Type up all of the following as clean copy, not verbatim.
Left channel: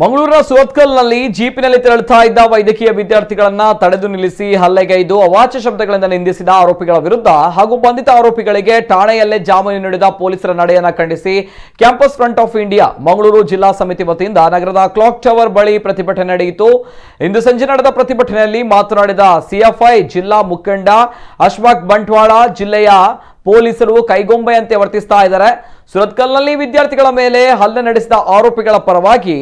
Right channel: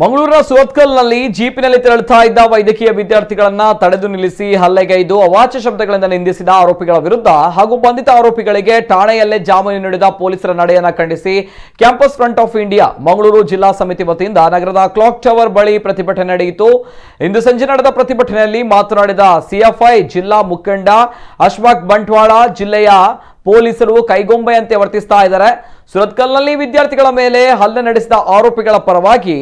ಮಂಗಳೂರಿನ ಸುರತ್ಕಲ್ನಲ್ಲಿ ಜೀಪಿನಲ್ಲಿ ತೆರಳುತ್ತಾ ಇದ್ದ ವೈದ್ಯಕೀಯ ವಿದ್ಯಾರ್ಥಿಗಳನ್ನ ತಡೆದು ನಿಲ್ಲಿಸಿ ಹಲ್ಲೆಗೈದು ಅವಾಚ್ಯ ಶಬ್ದಗಳಿಂದ ನಿಂದಿಸಿದ ಆರೋಪಿಗಳ ವಿರುದ್ಧ ಹಾಗೂ ಬಂಧಿತ ಆರೋಪಿಗಳಿಗೆ ಠಾಣೆಯಲ್ಲೇ ಜಾಮೀನು ನೀಡಿದ ಪೊಲೀಸರ ನಡೆಯನ್ನು ಖಂಡಿಸಿ campus front of India Mangaluru ಜಿಲ್ಲಾ ಸಮಿತಿ ವತಿಯಿಂದ ನಗರದ ಕ್ಲಾಕ್ ಟವರ್ ಬಳಿ ಪ್ರತಿಭಟನೆ ನಡೆಯಿತು। ಇಂದು ಸಂಜೆ ನಡೆದ ಪ್ರತಿಭಟನೆಯಲ್ಲಿ ಮಾತನಾಡಿದ ಸಿಎಫ್ಐ ಜಿಲ್ಲಾ ಮುಖಂಡ ಅಶ್ಫಾಕ್ ಬಂಟ್ವಾಳ, ಜಿಲ್ಲೆಯ ಪೊಲೀಸರು ಕೈಗೊಂಬೆಯಂತೆ ವರ್ತಿಸ್ತಾ ಇದ್ದಾರೆ। ಸುರತ್ಕಲ್ನಲ್ಲಿ ವಿದ್ಯಾರ್ಥಿಗಳ ಮೇಲೆ ಹಲ್ಲೆ ನಡೆಸಿದ ಆರೋಪಿಗಳ ಪರವಾಗಿ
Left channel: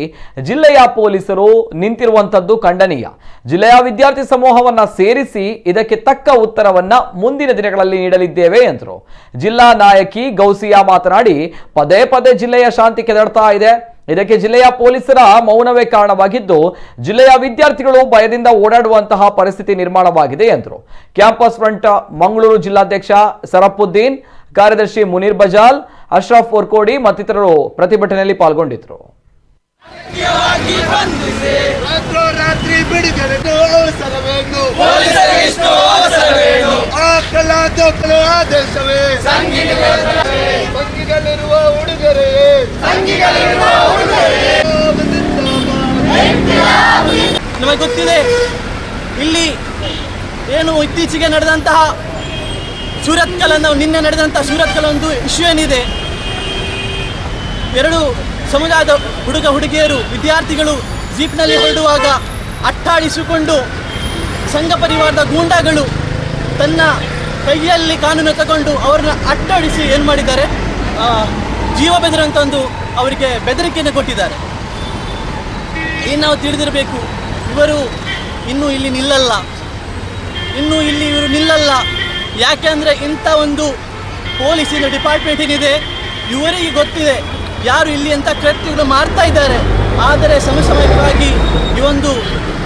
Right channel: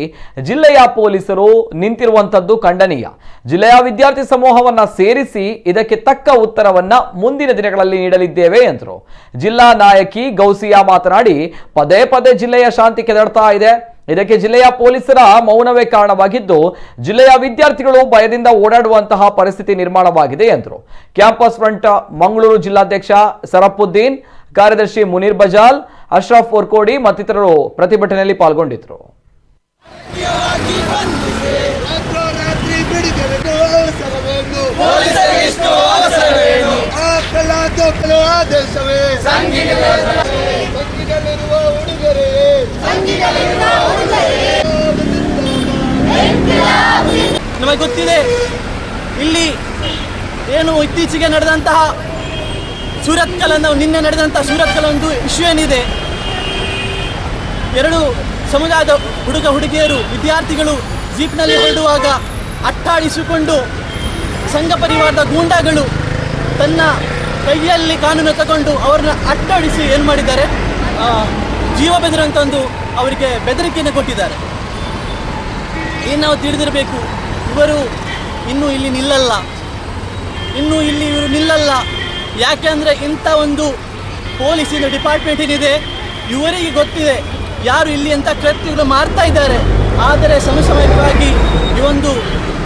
ಜಿಲ್ಲೆಯ ಪೊಲೀಸರು ನಿಂತಿರುವಂತದ್ದು ಖಂಡನೀಯ। ಜಿಲ್ಲೆಯ ವಿದ್ಯಾರ್ಥಿ ಸಮೂಹವನ್ನ ಸೇರಿಸಿ ಇದಕ್ಕೆ ತಕ್ಕ ಉತ್ತರವನ್ನ ಮುಂದಿನ ದಿನಗಳಲ್ಲಿ ನೀಡಲಿದ್ದೇವೆ ಎಂದರು। ಜಿಲ್ಲಾ ನಾಯಕಿ ಗೌಸಿಯಾ ಮಾತನಾಡಿ, ಪದೇ ಪದೇ ಜಿಲ್ಲೆಯ ಶಾಂತಿ ಕೆದಡ್ತಾ ಇದೆ, ಇದಕ್ಕೆ ಜಿಲ್ಲೆಯ ಪೊಲೀಸರ ಮೌನವೇ ಕಾರಣವಾಗಿದ್ದು ಜಿಲ್ಲೆಯ ವಿದ್ಯಾರ್ಥಿಗಳು ಭಯದಿಂದ ಓಡಾಡುವಂತಹ ಪರಿಸ್ಥಿತಿ ನಿರ್ಮಾಣವಾಗಿದೆ ಎಂದರು। ಕ್ಯಾಂಪಸ್ ಫ್ರಂಟ್ ಮಂಗಳೂರು ಜಿಲ್ಲಾಧ್ಯಕ್ಷ ಸರಫುದ್ದೀನ್, ಕಾರ್ಯದರ್ಶಿ ಮುನೀರ್ ಬಜಾಲ್, ಅಶ್ರಫ್ ಒರ್ಕೋಡಿ ಮತ್ತಿತರರು ಪ್ರತಿಭಟನೆಯಲ್ಲಿ ಪಾಲ್ಗೊಂಡಿದ್ದರು। ನಮಗೆ ಗೊತ್ತಿದೆ ಇಲ್ಲಿ ಏನು ಇತ್ತೀಚೆಗೆ ನಡೆದಂತಹ ನಿನ್ನೆ ನಡೆದಂತಹ ಸೂರತ್ಕಲ್ ಒಂದು ಇಶ್ಯೂ ಏನಿದೆ, ಎರಡು ಸಮುದಾಯದ ಹುಡುಗಿಯರು ವಿದ್ಯಾರ್ಥಿಗಳು ಜೀಪ್ನಲ್ಲಿ ಹೊರಡುವಾಗ ಅಟ್ಟಾಡಿಸಿಕೊಂಡು ಸಂಘ ಪರಿವಾರದ ಗೂಂಡಾಗಳು ತನ್ನ ಕೈಯಲ್ಲಿ ಕಾನೂನು ತಗೊಂಡು ಅವರನ್ನ ಅಟ್ಟಾಡಿಸಿ ಏನು ಮಾಡಿದ್ದಾರೆ, ಜೀವ ಬೆದರಂತ ಒಂದು ಅವರಿಗೆ ಬೆದರಿಕೆಯನ್ನು ಕೊಟ್ಟಿದ್ದಾರೆ। ಏನು ನಾವು ತಿಳಿದಿರಬೇಕು, ಇವರು ಇನ್ನೂ ಇಲ್ಲಿ ನಿಲ್ಲಲ್ಲ, ಇವರು ನಿಲ್ಲಲ್ಲ। ಯಾಕೆ ಅಂದರೆ ಇಂಥ ಒಂದು ಪೊಲೀಸಿನ ಡಿಪಾರ್ಟ್ಮೆಂಟ್ ಏನಿದೆ ಇವರಿಗೆ ಗೊತ್ತಿದೆ ಯಾರು ಇಲ್ಲಿ ಅಂತ ಕೃತ್ಯಗಳು ಮಾಡ್ತಾ ಇದ್ದಾರೆ। ಆದರೆ ಸಮಯವಾಗಿ ಈ ಒಂದು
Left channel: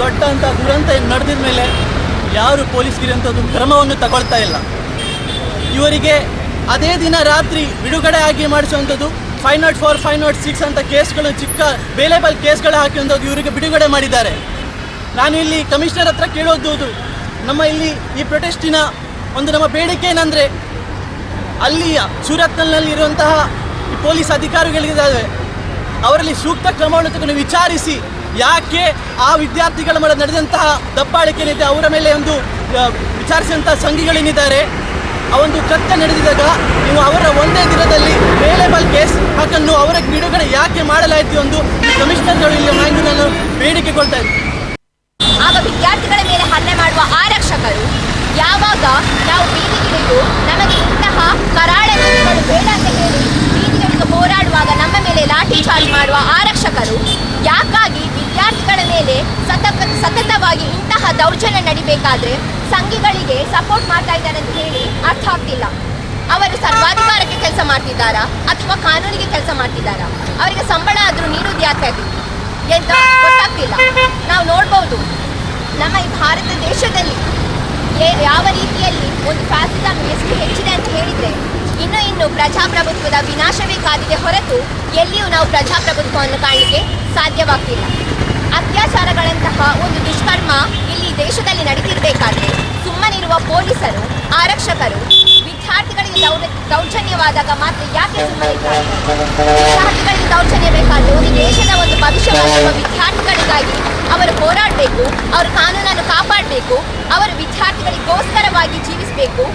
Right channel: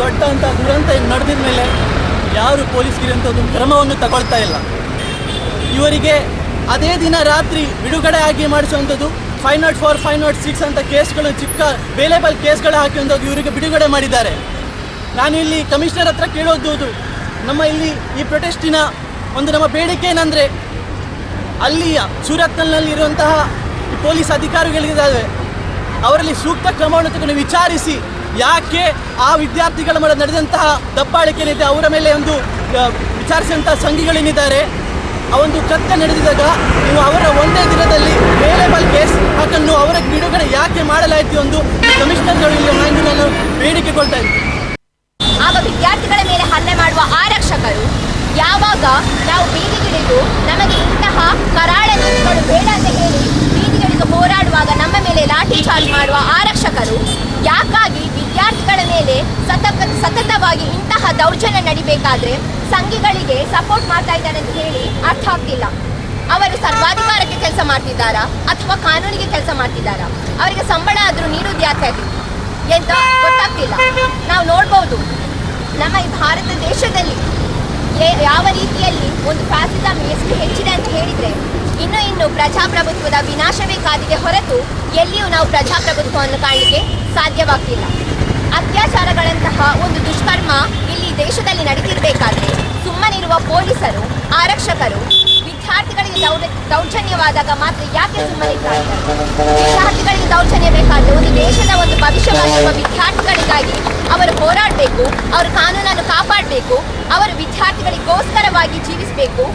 ದೊಡ್ಡ ಅಂತ ದುರಂತ ನಡೆದಿದ ಮೇಲೆ ಯಾರು ಪೊಲೀಸ್ಗಿರಂಥದ್ದು ಕ್ರಮವನ್ನು ತಗೊಳ್ತಾ ಇಲ್ಲ। ಇವರಿಗೆ ಅದೇ ದಿನ ರಾತ್ರಿ ಬಿಡುಗಡೆ ಆಗಿ ಮಾಡಿಸುವಂಥದ್ದು 504, 506 ಅಂತ ಕೇಸ್ಗಳು, ಚಿಕ್ಕ ಬೇಲೇಬಲ್ ಕೇಸ್ಗಳು ಹಾಕುವಂಥದ್ದು ಇವರಿಗೆ ಬಿಡುಗಡೆ ಮಾಡಿದ್ದಾರೆ। ನಾನು ಇಲ್ಲಿ ಕಮಿಷನರ್ ಹತ್ರ ಕೇಳೋದು, ನಮ್ಮ ಇಲ್ಲಿ ಈ ಪ್ರೊಟೆಸ್ಟಿನ ಒಂದು ನಮ್ಮ ಬೇಡಿಕೆ ಏನಂದರೆ, ಅಲ್ಲಿಯ ಸೂರತ್ಕಲ್ನಲ್ಲಿ ಇರುವಂತಹ ಈ ಪೊಲೀಸ್ ಅಧಿಕಾರಿಗಳಿದ್ದಾವೆ ಅವರಲ್ಲಿ ಸೂಕ್ತ ಕ್ರಮವನ್ನು ತಗೊಂಡು ವಿಚಾರಿಸಿ ಯಾಕೆ ಆ ವಿದ್ಯಾರ್ಥಿಗಳ ಮೇಲೆ ನಡೆದಂತಹ ದಬ್ಬಾಳಿಕೆ ಏನಿದೆ ಅವರ ಮೇಲೆ ಒಂದು ವಿಚಾರಿಸಿದಂಥ ಸಂಘಿಗಳೇನಿದ್ದಾರೆ ಆ ಒಂದು ಕೃತ್ಯ ನಡೆದಿದ್ದಾಗ ನೀವು ಅವರ ಒಂದೇ ದಿನದಲ್ಲಿ ಬೇಲೇಬಲ್ ಕೇಸ್ ಹಾಕನ್ನು ಅವರ ಬಿಡುಗಡೆ ಯಾಕೆ ಮಾಡಲಾಯಿತು ಎಂದು ಕಮಿಷನರ್ಗಳು ಇಲ್ಲಿ ಮಾಹಿತಿಯನ್ನು ಬೇಡಿಕೆಗೊಳ್ತಾ ಇದ್ದಾರೆ। ಆಗ ವಿದ್ಯಾರ್ಥಿಗಳ ಮೇಲೆ ಹಲ್ಲೆ ಮಾಡುವ ಆರಕ್ಷಕರು ಯಾವಾಗ ನಾವು ಬೀದಿಗಿಳಿದು ನಮಗೆ ಇಂತಹ ಕರಾಳ ನೀತಿಗಳು ಬೇಡ ಅಂತ ಹೇಳಿ ಬೀದಿಗಿಳಿದು ಹೋರಾಡುವಾಗ ನಮ್ಮ ಮೇಲೆ ಲಾಠಿ ಚಾರ್ಜ್ ಮಾಡುವ ಆರಕ್ಷಕರು ಯಾಕಾಗಿ ವಿದ್ಯಾರ್ಥಿಗಳ ಮೇಲೆ ಸತತವಾಗಿ ಇಂತಹ ದೌರ್ಜನ್ಯ ನಡಿಬೇಕಾದ್ರೆ ಸಂಘಿಗಳಿಗೆ ಸಪೋರ್ಟ್ ಮಾಡ್ತಾ ಇದ್ದಾರೆ ಅಂತ ಹೇಳಿ ಅರ್ಥ ಆಗ್ತಿಲ್ಲ। ಅವರು ಸರ್ವಾಧಿಕಾರಕ್ಕೆ ಕೆಲಸ ಮಾಡ್ತಿದ್ದಾರಾ ಅಥವಾ ಕಾನೂನಿಗೆ ಕೆಲಸ ಮಾಡ್ತಿದ್ದಾರಾ? ಅವರಿಗೆ ಸಂಬಳ ಆದರೂ ನೀಡುವುದು ಯಾಕೆ ಎಂತ ಗೊತ್ತಾಗ್ತಿಲ್ಲ। ನಾವು ನೋಡ್ಬೋದು ನಮ್ಮ ಈ ಭಾರತ ದೇಶದಲ್ಲಿ ಯಾವ ರೀತಿಯಲ್ಲಿ ಒಂದು ಫ್ಯಾಸಿಸಂ ಎಷ್ಟು ಹೆಚ್ಚಿದೆ ಅಂತ ಹೇಳಿದರೆ ಇನ್ನು ಪ್ರಜಾಪ್ರಭುತ್ವದ ವಿನಾಶವೇ ಕಾದಿದೆ ಹೊರತು ಎಲ್ಲಿಯೂ ನಾವು ಪ್ರಜಾಪ್ರಭುತ್ವವನ್ನು ಕಾಣಲಿಕ್ಕೆ ಸಾಧ್ಯವಾಗ್ತಿಲ್ಲ। ಅತ್ಯಾಚಾರಗಳಂತಹ ಒಂದು ದುಷ್ಕರ್ಮ ಇಲ್ಲಿ ದೇಶದಲ್ಲಿ ನಡೀತಿರಬೇಕಾದ್ರೆ ಸುಮ್ಮನಿರುವ ಪೊಲೀಸರು, ಆರಕ್ಷಕರು ವಿದ್ಯಾರ್ಥಿಗಳಿಗೆ ದೌರ್ಜನ್ಯವಾದಾಗ ಮಾತ್ರ ಯಾಕೆ ಸುಮ್ಮನಿರ್ತಾರೆ? ವಿದ್ಯಾರ್ಥಿಗಳಿಗೆ ದೌರ್ಜನ್ಯ ಬೇಕಾದರೆ ಒಂದು ದೇಶದ ಒಂದು ಭವಿಷ್ಯವಾಗಿರುವ ವಿದ್ಯಾರ್ಥಿಗಳಿಗಾಗಿ ಅವರು ಹೋರಾಡಬೇಕು, ಅವರು ಕಾನೂನನ್ನು ಕಾಪಾಡಬೇಕು, ಅವರು ವಿದ್ಯಾರ್ಥಿಗಳಿಗೋಸ್ಕರವಾಗಿ ಜೀವಿಸಬೇಕು।